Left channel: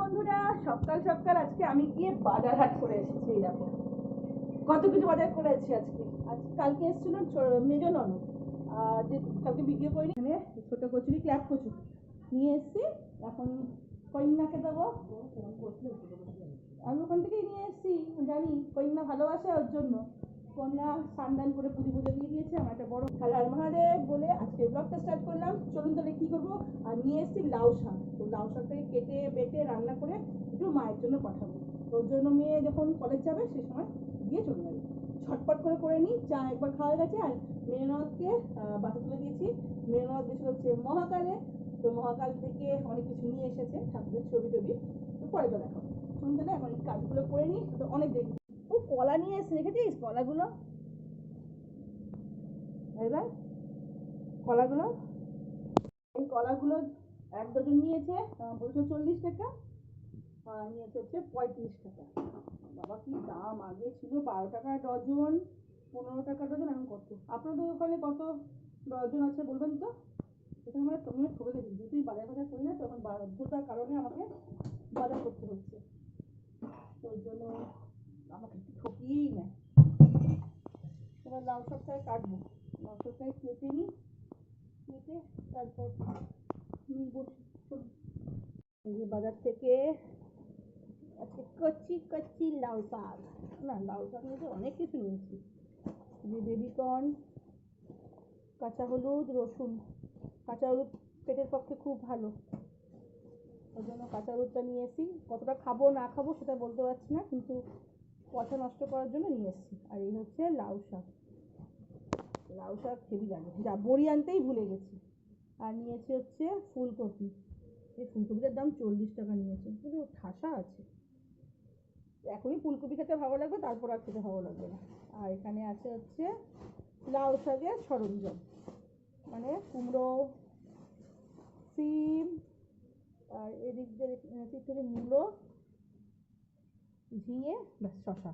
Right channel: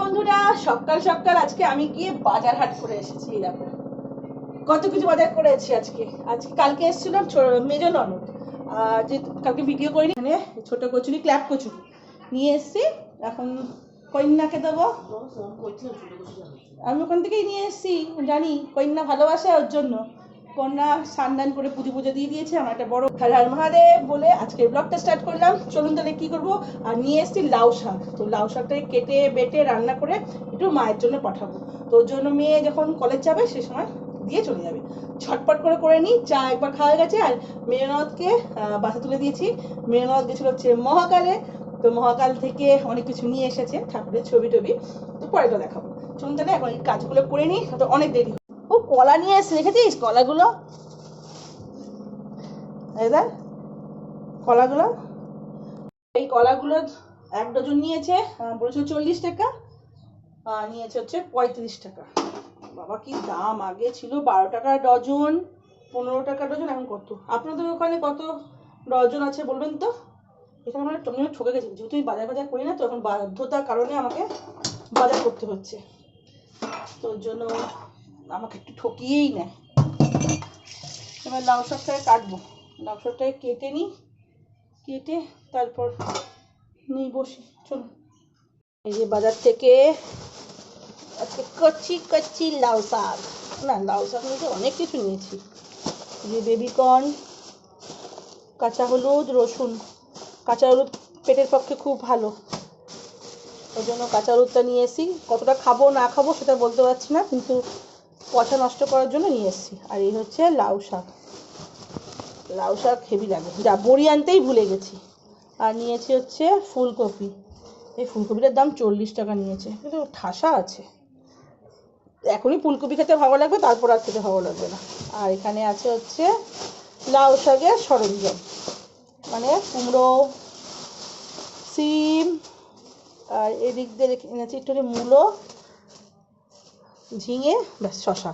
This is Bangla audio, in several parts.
বন্ধুরা, সকাল সকাল আজকে আমি গিয়ে বাজার হাট করে এসেছি কত কিছু বাজার আজকে। আজকে কালকে এসেছিলাম ননদ। যে কালকে ভিডিও করিনি, এখানে ছোট কচুরি ক্ল্যাপ কচুরি। নিয়ে এসেছি, এখন কন্যাকে দেবো। আমি ওখান থেকেই নিয়ে এসেছি, জানি কন্যা ভালোবাসে ওর জন্য। কন্যা সান্দান করে পুজো পুজো দিয়ে দিয়েছে, আমার একটা বড় হর হর মহাদেব বলে আজকে ব্লগটা স্টার্ট করলাম। চলুন তাহলে কি করব? আর নিয়ে এসেছি লাউ শাক। তো লাউ শাকটাকে কেটে, বেটে, রান্না করে একটু মায়ের জন্য পাঠাবো। তো জন্য মেয়ে যখন কলেজ যাবে, সে সময় দিয়ে চলে যাবে। ছটপট করে করে নিই, চা একবার খাওয়া গেছে। আর মেয়নদকে বাসা তুলে দিয়েছি। মেয়নদ গেছিল হচ্ছে মহাকালে। তো মহাকাল থেকে অনেক কিছু নিয়ে এসেছে ঠাকুরের ছবি টবি। তো পরে তো দেখাবো। চলুন তাহলে এখন এই কাজগুলো করে নিই, তো অনেক দেরি কলা নিয়ে এসে রেখেছিস? কলাগুলো? দেখ কলাগুলো। এই কলাগুলো এক ডজন নিয়েছে আহ, বলেছিল চল্লিশ টাকা নিয়েছে হচ্ছে পঁয়ত্রিশ টাকা। বাবা কি দাম! আগে ছিল বারো টাকা ডজন পনেরো টাকা ডজন এখন কত? আপনাদের ওখানে কত ডজন আছে বলবেন তো? এখানে মানে তুমি ঠকে গেছি যেহেতু আমি বাজার বাজার করি না তো এখন বাধ্যতার কারণে আমাকে বাজার করতে হচ্ছে। তোর জন্য আমাকে একটু ঠকিয়েই নেয় এবার লাউ শাকটাকে কাটবো। লাউ শাকটাকে কেটে নিই, কেটে তারপর নিই বসি। চলুন এই যে বাজার থেকে আজকে কচি কচি লাউ শাক। না, লাউ শাক নিয়েছি অনেক কিছু নিয়েছি। যে বেবিকর্ন কাঁচা হলুদ, রসুন। কাঁচা হলুদ পেটের পক্ষে খুব ভালো। ওই জন্য কাঁচা হলুদটা নিয়ে এসেছি। কতটা খাব না খাব সেটা বলতে পারছি না, কিন্তু পচা নষ্ট করার জন্য নিয়ে এসেছি। আর এই হচ্ছে লাউ শাক। লাউ শাক হেভি লাগে। যা বড়ি আনতেই ভুলে গেছি। আর নিয়েছি হচ্ছে ফুলকপি। এই ফুলকপিটার দাম চল্লিশ টাকা নিয়েছে। কিন্তু ঠাসা আছে। এখনই ফুলকপি খেতে ভালো লাগবে, তারপর আর খেতে ভালো লাগবে না। আর এখানে আছে হচ্ছে লাউ শাকের সরঞ্জাম। মানে কুমড়ো, সিম, আর এদিক দিয়ে এনেছি একটু মূলো ঝিঙে, ব্যাস শশা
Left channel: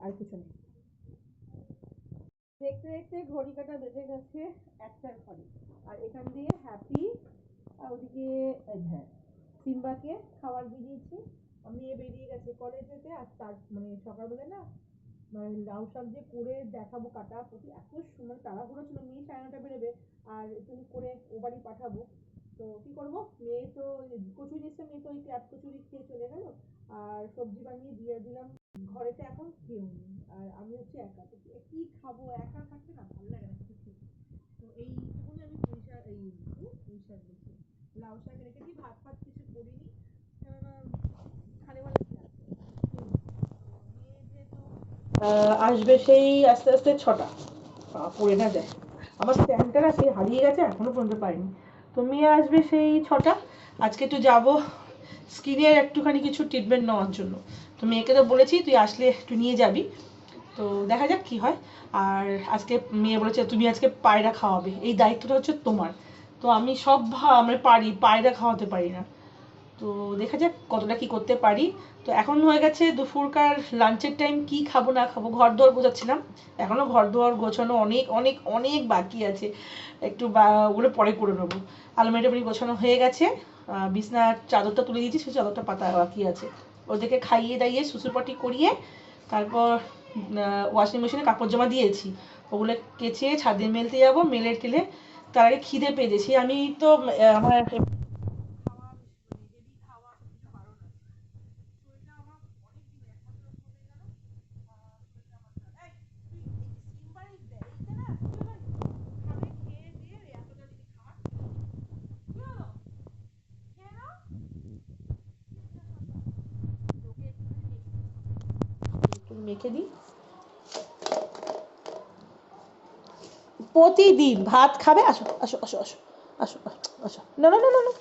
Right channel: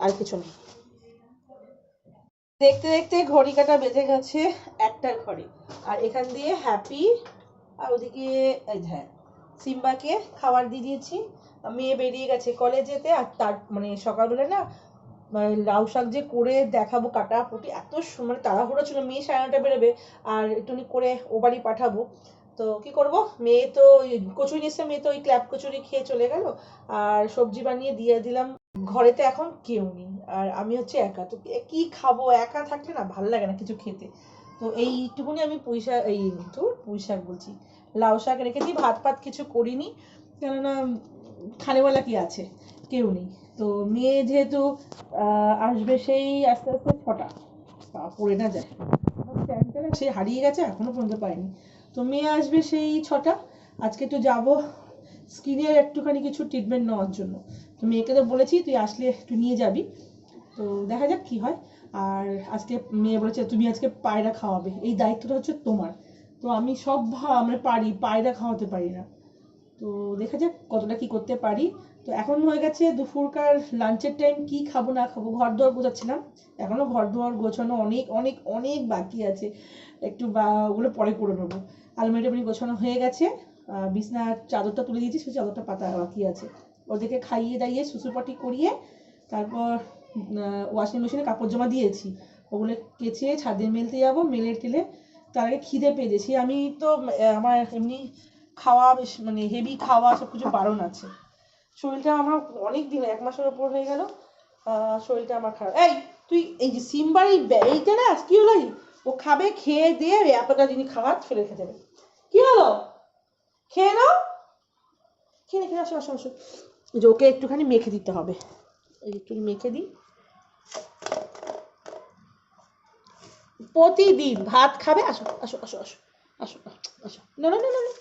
আর কিছু নেই দেখতে দেখতে ঘড়ি কাটা বেজে গেছে একটা ঘড়ি। আর এখান দিয়ে হ্যাপি, আর ওদিকে হ্যাঁ সিম্বাকে খাবার দিয়ে দিয়েছি। মেয়ে বেরিয়ে গেছে কলেজেতে আর তার মানে সকালবেলা না মানে লাউ শাক যে করে দেখাবো কাটা পুটি, এত মানে তাড়াহুড়ো ছিল। মেয়ে সাড়ে নটা বেরোবে, আর একটুখানি করে ও বাড়ি পাঠাবো। তো কি করব? মেয়ে তো কচুরি নিচ্ছে মেয়ে তো ওই ক্ল্যাপ কচুরি খেয়ে চলে গেল। আর সবজি বানিয়ে দিয়ে দিলাম। ঘরেতে এখন কেউ নেই। আর আমি হচ্ছে একা। তো কি খাব? একা থাকলে না ভালো লাগে না কিছু খেতে। তো এইটুকুনি আমি পুঁই শাক এই তো পুঁই শাক বলছি। লাউ শাক রেখেছি। ভাত ফাত কিছু করিনি। কেননা খানেওয়ালা কি আছে? কেউ নেই। তো মেয়ে যেহেতু আসবে সেই আস্তে আস্তে ছটা। পড়ে না যায়। আমার স্ট্যান্ডটা না সেই হারিয়ে গেছে, এখনও পর্যন্ত পাইনি তো মেয়ে আসবে সেই ছটা। আজকে একটু যাব স্কিনের একটুখানি কিছু ট্রিটমেন্ট নেওয়ার জন্য। তো মেয়েকে তো বলেছি, তুই আসলে একটু নিয়ে যাবি। তো দেখা যাক কি হয়। আর আজকে মেয়ে বলেছে, তুমি আজকে পায়রা খাওয়াবে। এই দায়িত্বটা হচ্ছে তোমার। তো আমি সব আমরা পারি, পায়রা খাওয়াতে পারি না। তো দেখা যাক কতটা কি করতে পারি। তো এখন হয়ে গেছে দুপুরকার লাঞ্চের টাইম কি খাব, না খাব ঘর দোয়ার গোছাচ্ছিলাম। এখনও ঘর দোয়ার গোছানো অনেক অনেক অনেক বাকি আছে। একটু বা, ওগুলো পরে করে নেব। আলমারি টালমারি গোছানো হয়ে গেছে। বিছনার চাদরটা তুলে দিয়েছি সেই চাদরটা পাতা বাকি আছে। ওদেরকে খাইয়ে দাইয়ে শ্বশুরপাটি করিয়ে, তারপর ওয়াশিং মেশিনে কাপড় জামা দিয়েছি। ওগুলো কেচে ছাদে মেলতে যাব, মেলে টেলে তার আগে খিদে পেয়েছি। আমি তো আমার এমনি খাওয়া বেশ মানে হেভি খাওয়া সব কিছু বারণ আছে। শরীরটা আমার অনেক দিন, এক মাসের ওপর হয়ে গেল শরীরটা আমার খারাপ। এই, তুই এই যে সিম্বার এই এইটা না, কি হলো? ও খাবে, খেয়ে দিয়ে এতটা জিনিস খাবার ফেলে খেতে দেবে। কি হলো? খেয়ে নাও। খেয়ে খেয়ে আসো আসো আসো। যে ওকে একটুখানি মেখে দিতে হবে। একটু মেখে দিই। প্রতিদিন ভাত খাবে, আসো আসো আসো আসো আসো আসো। না না না না না।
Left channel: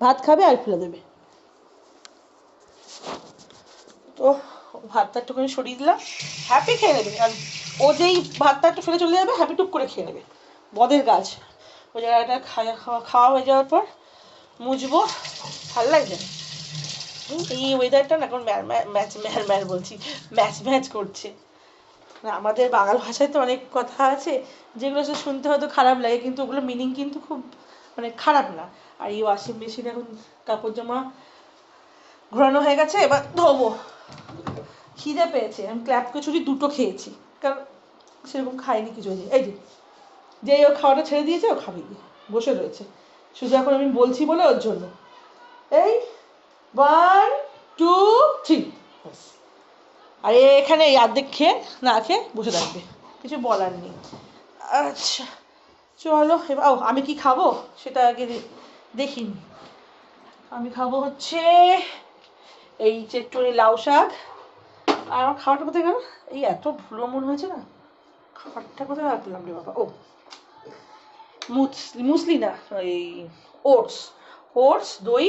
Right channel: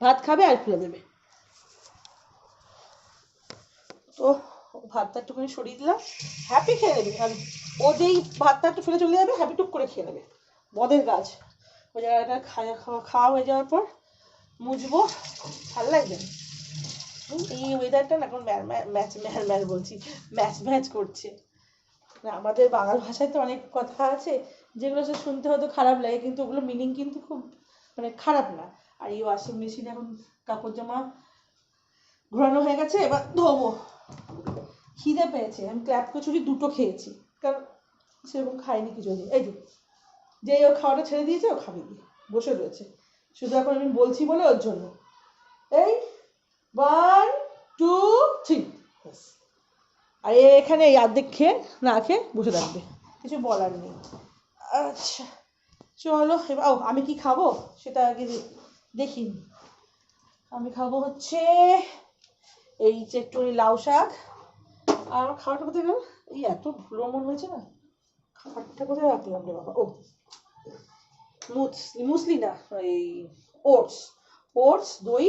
ভাত খাবে আর ফেলে দেবে। তো ভাতটা একটুখানি সরিয়ে দিলাম। হ্যাপি খেয়ে নেবে। আর ও যেই ভাতটা একটু ফেলে চলে যাবে হ্যাপি টুক করে খেয়ে নেবে। বদের গাছ। ওই জায়গাটা খাওয়া খাওয়া হয়ে যাওয়ার পর মুছবো। ভালো? হুম, এই ওয়েদারটা না এখন ম্যাচ ম্যাচ ম্যাচ বলছি। ম্যাচ ম্যাচ করছে। আমাদের বাংলা ভাষায় তো অনেক কথা আছে। যেগুলো সে শুনতে হয়তো খারাপ লাগে কিন্তু ওগুলো মিনিং কিন্তু খুব মানে খারাপ না। আর এই ওয়াশিং মেশিন এখন কাপড় জামা ঘোরানো হয়ে গেছে এবার ধোবো। খিদে পেয়েছে, আমি ক্ল্যাপ কচুরি দুটো খেয়েছি। কারণ সেরকম খাইনি কিছু। যে- এই যে যে ও খাওয়াটা ছেড়ে দিয়েছে, ও খাবে। বসে রয়েছে। শুধু এখন আমি বলছি বলে ওর জন্য। এই ওয়ান টু থ্রি আর এখানে এই অর্ধেক খেয়ে, না খেয়ে বসে থাকবে। কিছু বলার নেই। আচ্ছা চলো, এবার, ও, আমি কি খাব? সেটা আগে দেখিনি। আমি খাব হচ্ছে এই চেট্টনি লাউ শাক, আর আমার খাবারটা কোথায় গেল? এই এত ভুলো মন হয়েছে না? খাবারটা কোথায় রাখলাম রে বাবা? ও মুসলি মুসলি না, এই ওটস। ওটস, দই,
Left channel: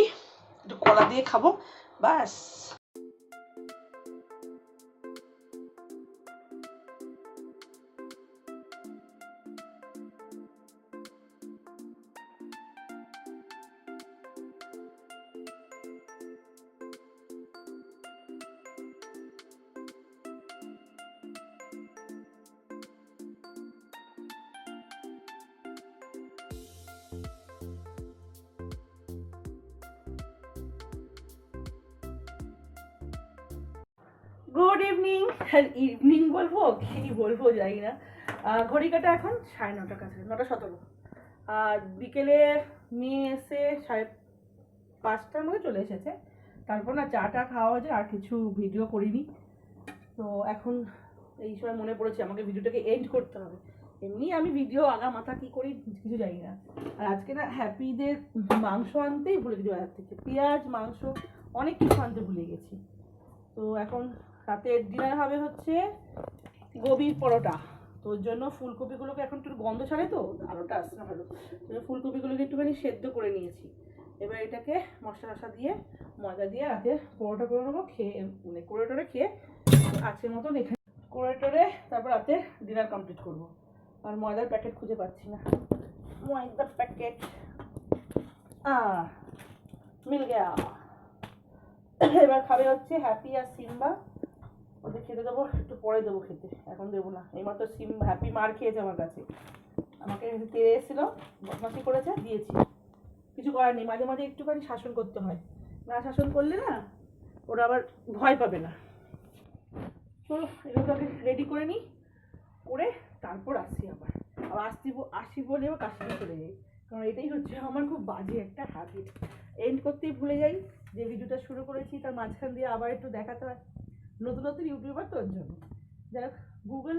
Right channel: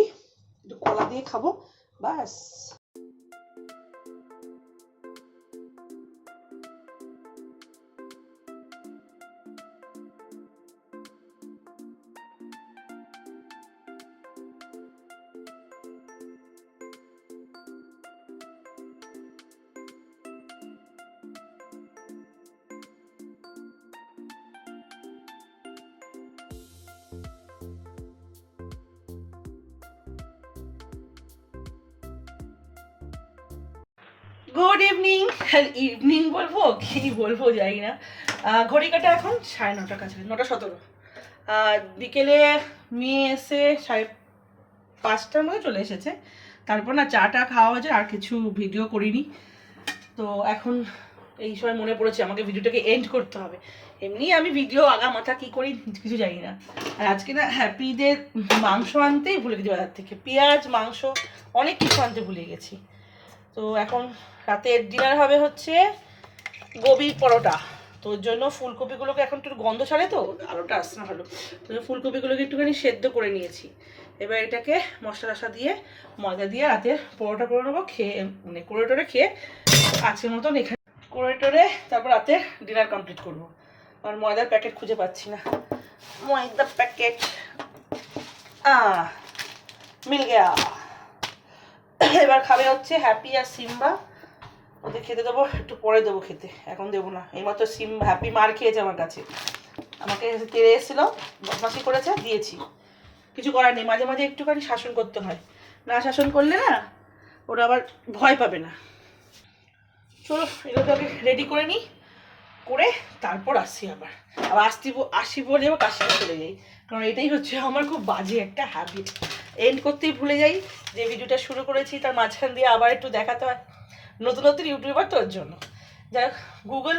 একটু কলা দিয়ে খাব, ব্যাস। গুড ইভিনিং ইভিনিং বলব, কি বলব জানি না। ঘড়ি কাটা এখন সাড়ে নটার কাছে নটা সতেরো। বিকেলে মেয়ে এসে সাড়ে পাঁচটার মধ্যে চলে এসেছে। তারপর না চাটা খাওয়া হয়েছে, আর কিছু ভিডিও করিনি। তো এখন এই সময় মনে পড়েছে, আমাকে ভিডিওটাকে এন্ড করতে হবে। এমনি আমি ভিডিও আগা মাথা কি করি কিছু জানি না। আর আজকে না হ্যাপিদের মাংস আনতেই ভুলে গেছি বাজার থেকে। পেঁয়াজ, মাংস, অনেক কিছু আনতে ভুলে গেছি। তো এখন রাতের ডিনার হবে হচ্ছে গোবির পরোটা। তো ওর জন্য ফুলকপিগুলোকে এখন একটু গন্ধ ছাড়ে তো, আলোটা আসছে না ভালো। তো ফুলকপিগুলোকে একটুখানি সেদ্ধ করে নিয়েছি। এবার এটাকে মশলা টশলা দিয়ে ময়দা দিয়ে রাতে পরোটা করে নেব, খেয়ে মানে করে টোরে খেয়ে আজকের মতন এখানে। করে টোরে তারপর রাতে ডিনার কমপ্লিট করব। আর ময়দার প্যাকেট খুঁজে পাচ্ছি না। ময়দার প্যাকেট মিল গেয়া। এবার খাবে হচ্ছে হ্যাপি আর সিম্বা ওদের খেতে দেবো, একটু পরে দেবো খেতে, এখন দেবো না। এইমাত্র সিম হ্যাপি মার খেয়েছে আমার কাছে। আমাকে তেড়ে এসেছিল বদমাসি করেছে, দিয়েছি। কিছু করার নেই, মাঝে মাঝে একটুখানি শাসন করতে হয়। না শাসন করলে না, ওরা আবার ভয় পাবে না। চলো এগুলোকে রেডি করে নিই, করে তারপর আসছি আবার। আবার আসছি ব- আসি বলে আবার কাশিতে চলে যাই। কারণ এটাই হচ্ছে আমার খুব বাজে একটা হ্যাবিট এন্ড করতেই ভুলে যাই, যে ভিডিওটা শুরু করেছি, তার মাঝখান দিয়ে আবার একটু দেখাতে হয়। নতুন নতুন ইউটিউবার তো ওর জন্য। যাই হোক গুগল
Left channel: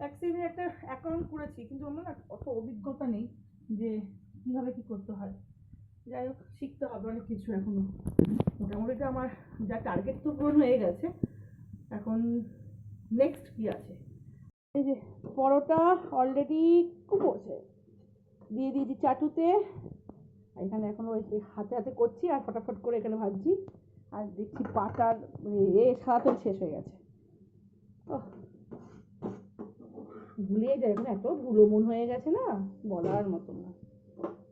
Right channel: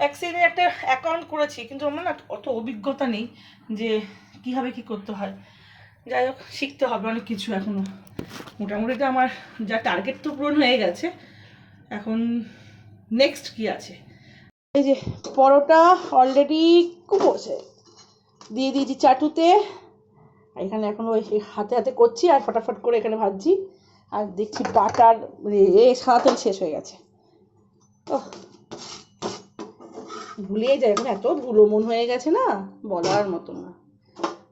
অ্যাক্সেসে একটা অ্যাকাউন্ট করেছি, কিন্তু আমার না অত অভিজ্ঞতা নেই যে কীভাবে কী করতে হয়। যাই হোক, শিখতে হবে অনেক কিছু এখনও মোটামুটি তো আমার যা টার্গেট তো পূরণ হয়ে গেছে, এখন নেক্সট কি আছে? এই যে, পরোটা অলরেডি খুব কুপোছে দিয়ে দিয়েছি চাটুতে। এখানে এখন ওই হাতে হাতে করছি আর ফটাফট করে এখানে ভাজছি। আর দেখছি বাটার মানে এ সাদা শেষ হয়ে গেছে। ওহ। ভুলেই যায়, এখন এত ভুলো মন হয়ে গেছে না, বলার মতো না।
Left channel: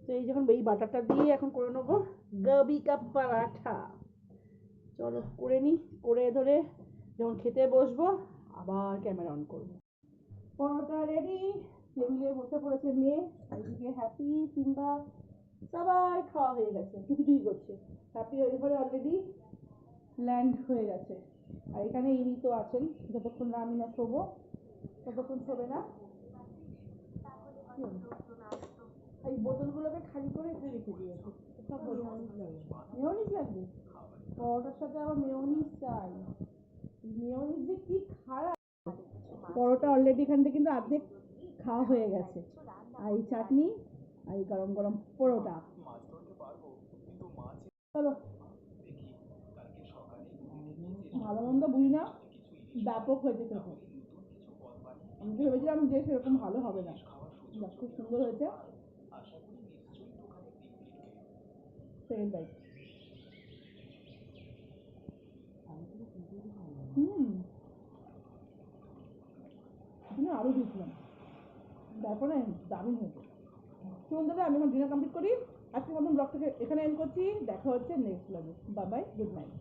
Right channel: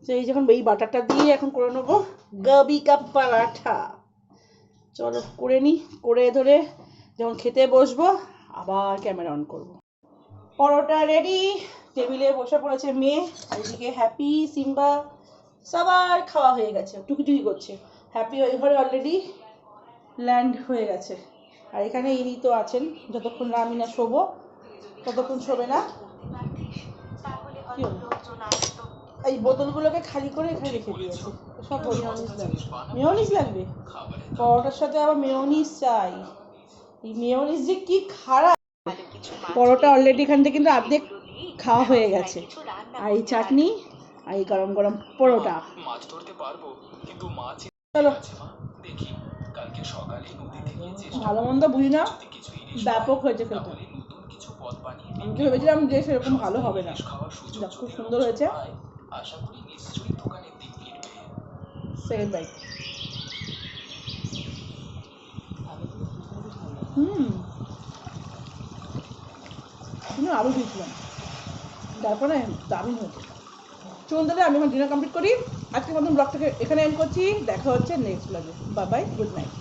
তো এই যখন এই বাটারটা দিয়ে এখন করে নেব, গাবি কাপ পরাঠা। চলো করে নিই করে ধরে যখন খেতে বসবো, আবার ক্যামেরা অন করব। পরোটা রেডি টেবিলে বসে পড়েছে মেয়ে, এদিকে হ্যাপি, সিম্বা, সবার খাওয়া হয়ে গেছে, টুকিটুকি করছে। হ্যাপি ওই ঘরে অলরেডি ল্যান্ড হয়ে গেছে। আর এখানে ইনি তো আছেন যতক্ষণ না আমি না শোবো ততক্ষণ শোবে না। এই বোতলগুলোকে খালি করে এখানে রেখে দিয়েছে। সব মেয়নিস লাগবে। মেয়নিস লাগবে? পরোটার সাথে আবার মেয়নিস চাই। এই মেয়নিস যে কি খারাপ। পরোটা অলরেডি এখান থেকে কিন্তু অর্ধেক খাওয়া হয়ে গেছে। আর এই চাটনি আর এই গরম গরম পরোটা। চলো। ভালো মন্দ বুঝি না? ব্যাপক হয়েছে খেতে বানিয়ে আমি তো ভেবেছিলাম যে সেরকম ভালো হবে না। খুব সুন্দর হয়েছে। সেকেন্ড হুম। আরও দিয়েছিলাম তারপরে দারুণ হয়েছে। চলুন তাহলে আমি আমার ডিনার কমপ্লিট করি। আজকে মতন ব্লগটাকে এখানে এন্ড করছি। দেখা হচ্ছে নেক্সট ব্লগে বাই বাই গুড নাইট